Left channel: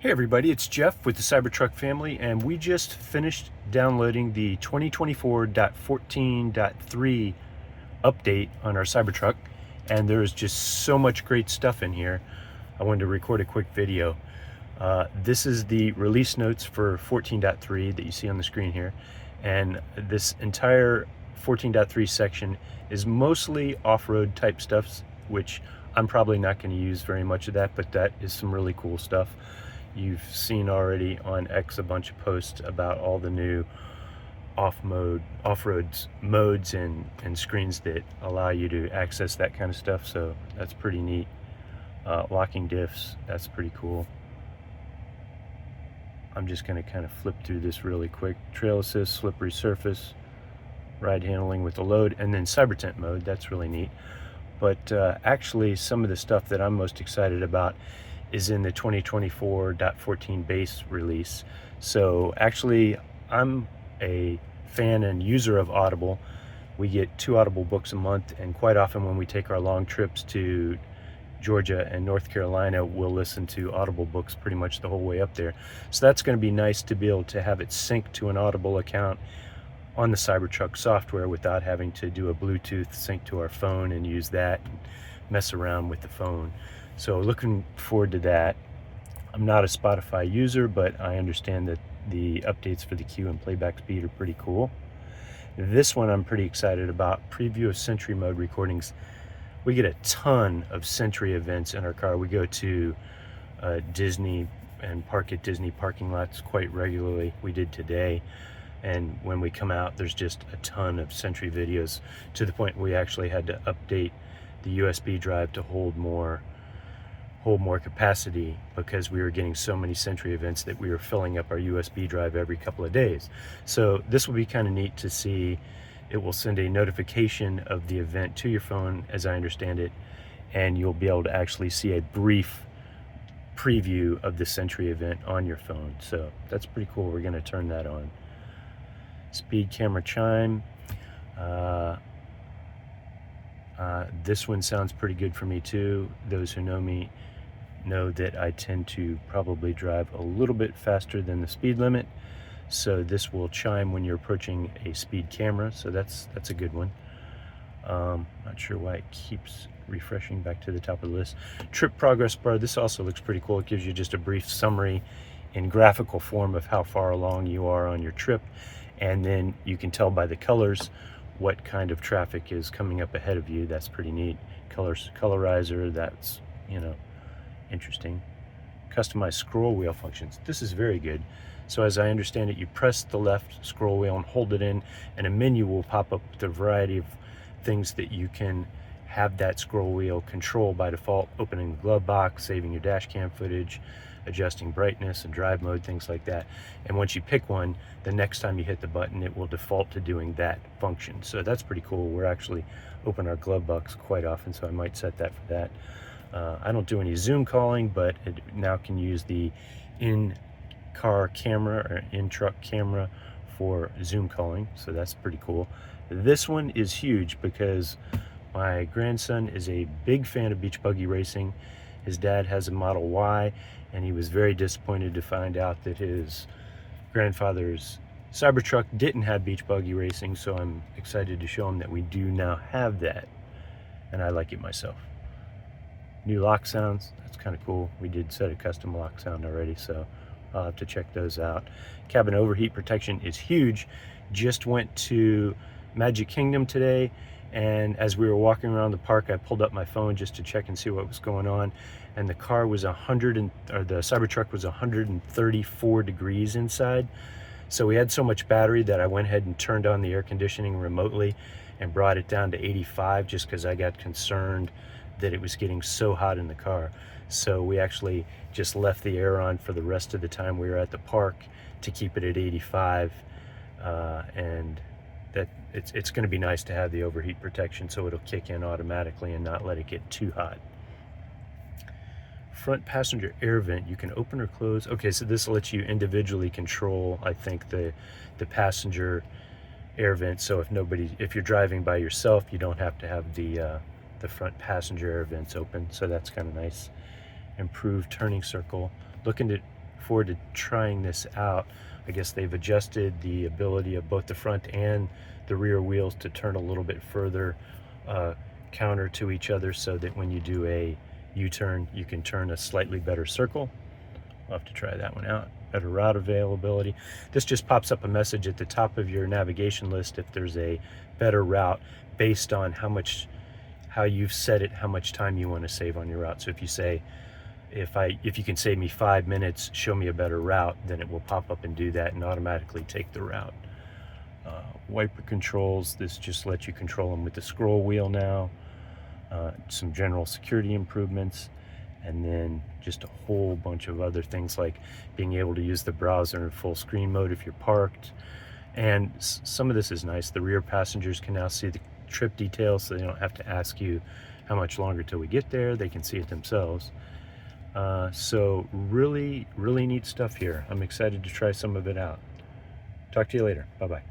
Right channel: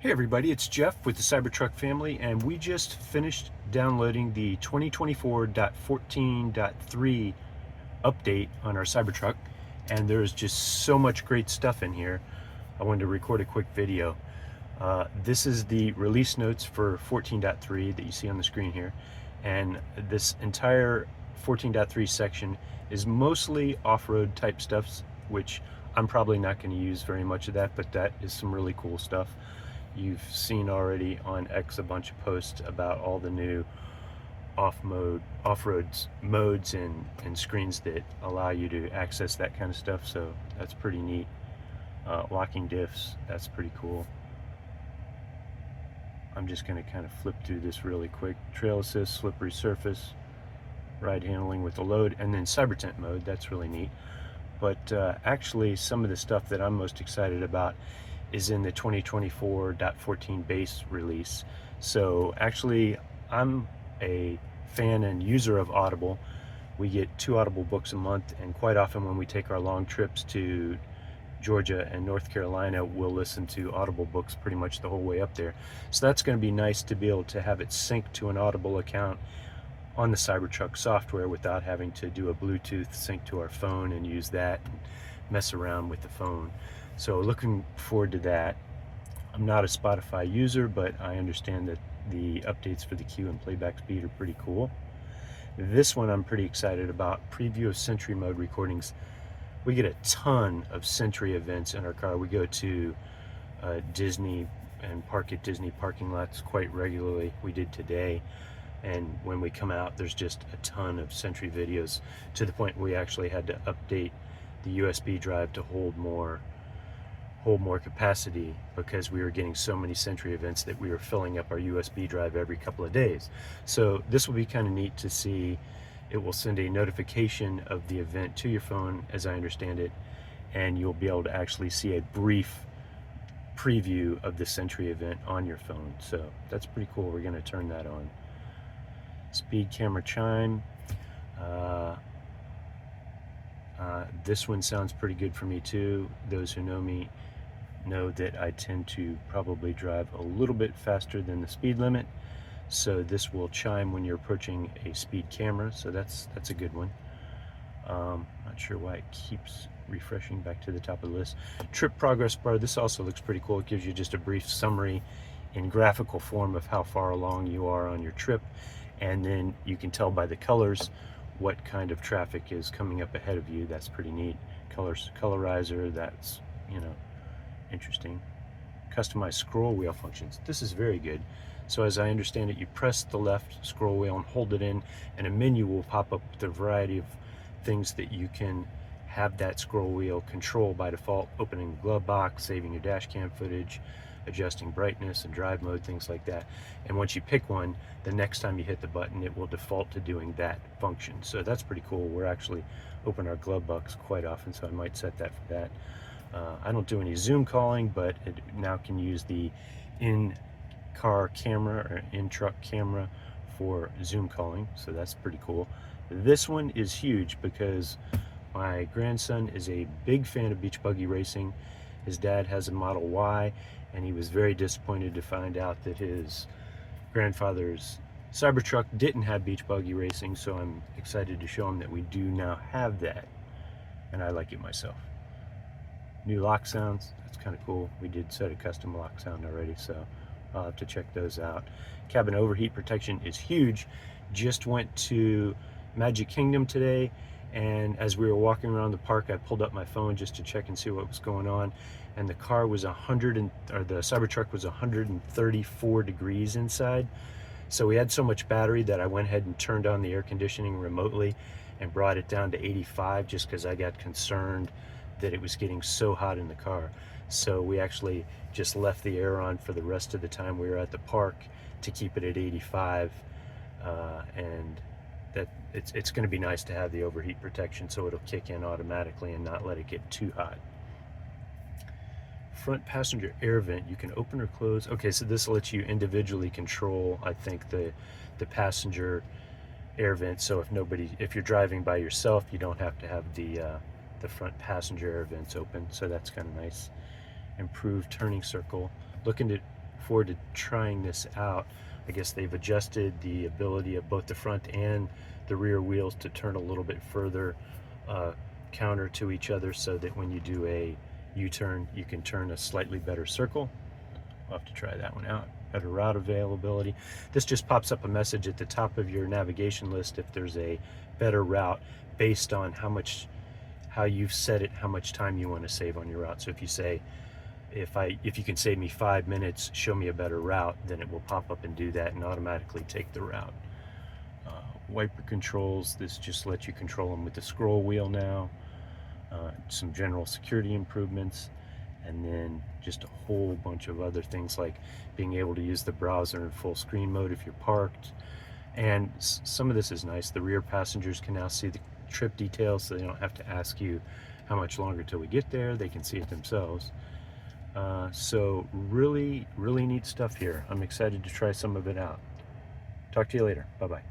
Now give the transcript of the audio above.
Hey everybody, it's Jeff with the Cybertruck family, and we just finished downloading the 2024.14.3 update on our Cybertruck, and there's just so much great stuff in here. I wanted to record a quick video. This is the release notes for 14.3 that you see on the screen here, and this entire 14.3 section is mostly off-road type stuff, which I'm probably not going to use very much of that, but that is some really cool stuff. You've seen already on X a bunch of posts about all the new off-road modes and screens that allow you to access that kind of stuff, so that's pretty neat. Locking diffs, that's pretty cool. I'm just going to kind of flip through this really quick. Trail assist, slippery surface, ride handling with the load, and then Cybertent mode, that's really neat. But actually some of the stuff that I'm most excited about is in the 2024.14 base release. So actually, I'm a fan and user of Audible. We get 2 Audible books a month, and quite often when we take our long trips to Georgia and North Carolina, we'll listen to Audible books pretty much the whole way up there. So that's going to be nice to be able to have it sync to an Audible account on the Cybertruck software without having to do a Bluetooth sync to our phone and use that and mess around with the phone. So looking forward to that. I'm not a Spotify user, but I understand that the updates for the queue and playback speed are pretty cool. This one I'm pretty excited about. Preview of Sentry mode recordings. We get a ton of Sentry events in our car. We go to Disney and park at Disney parking lots quite regularly. We did today. And when we come out, there's just a ton of Sentry videos, to the point we actually had to update the USB drive to hold more capacity, because we were getting so many Sentry events that we were filling up our USB drive every couple of days. So this will be kind of neat to see. It will send a notification of the event to your phone, as I understand it, and you'll be able to actually see a brief preview of the Sentry event on your phone. So that's pretty cool. We're going to turn that on. Speed camera chime. This one sounds pretty good for me too. Those who know me know that I tend to probably drive a little bit faster than the speed limit, so this will chime when you're approaching a speed camera, so that's a good one. Not sure why it keeps refreshing back to the top of the list. Trip progress bar, this also looks pretty cool. It gives you just a brief summary in graphical form of how far along you are on your trip, and then you can tell by the colors what kind of traffic is coming up ahead of you. That's pretty neat. Colorizer, that's, interesting. Customized scroll wheel functions. This is very good. So as I understand it, you press the left scroll wheel and hold it in, and a menu will pop up with a variety of things that you can have that scroll wheel control by default: opening the glove box, saving your dash cam footage, adjusting brightness and drive mode, things like that. And once you pick one, the next time you hit the button, it will default to doing that function. So that's pretty cool. We're actually open our glove box quite often, so I might set that for that. I don't do any Zoom calling, but it now can use the in-car camera or in-truck camera for Zoom calling, so that's pretty cool. This one is huge because my grandson is a big fan of beach buggy racing. His dad has a Model Y, and he was very disappointed to find out that his grandfather's Cybertruck didn't have beach buggy racing, so I'm excited to show him that we do now have that, and I like it myself. New lock sounds, that's kind of cool. We did set a custom lock sound already, so I'll have to check those out. Cabin overheat protection is huge. Just went to Magic Kingdom today, and as we were walking around the park, I pulled up my phone just to check and see what was going on, and the car was the Cybertruck was 134 degrees inside. So we had so much battery that I went ahead and turned on the air conditioning remotely and brought it down to 85, just because I got concerned that it was getting so hot in the car. So we actually just left the air on for the rest of the time we were at the park to keep it at 85, and that it's going to be nice to have the overheat protection, so it'll kick in automatically and not let it get too hot. Front passenger air vent, you can open or close. Okay, so this lets you individually control, I think, the passenger air vent. So if you're driving by yourself, you don't have to have the front passenger air vents open. So that's kind of nice. Improved turning circle. Looking to forward to trying this out. I guess they've adjusted the ability of both the front and the rear wheels to turn a little bit further counter to each other, so that when you do a U-turn, you can turn a slightly better circle. I'll have to try that one out. Better route availability. This just pops up a message at the top of your navigation list if there's a better route based on how you've set it, how much time you want to save on your route. So if you say, if you can save me 5 minutes, show me a better route, then it will pop up and do that and automatically take the route. Wiper controls, this just lets you control them with the scroll wheel now. Some general security improvements, and then just a whole bunch of other things like being able to use the browser in full screen mode if you're parked. And some of this is nice. The rear passengers can now see the trip details, so they don't have to ask you how much longer till we get there. They can see it themselves. So really neat stuff here. I'm excited to try some of it out. Talk to you later. Bye-bye.